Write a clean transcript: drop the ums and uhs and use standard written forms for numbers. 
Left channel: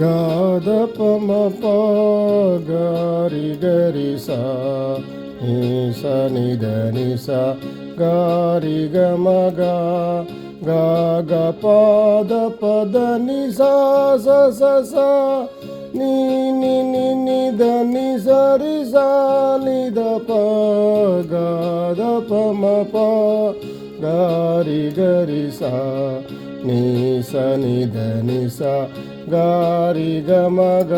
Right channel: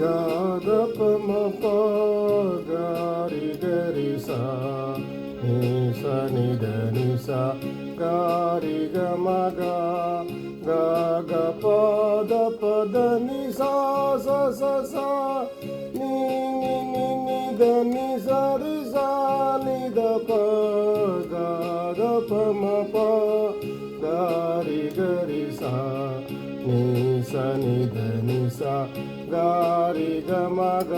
గాద పమ ప గారి గరి సా నీ స ని ద ని స గారి గ మ గ గా గ ప ద ప ద ని సా స స స ని ని ని ని ద ని స రి సా ని ద ప గా ద ప మ ప గారి గరి సా నీ స ని ద ని స గారి గ మ గ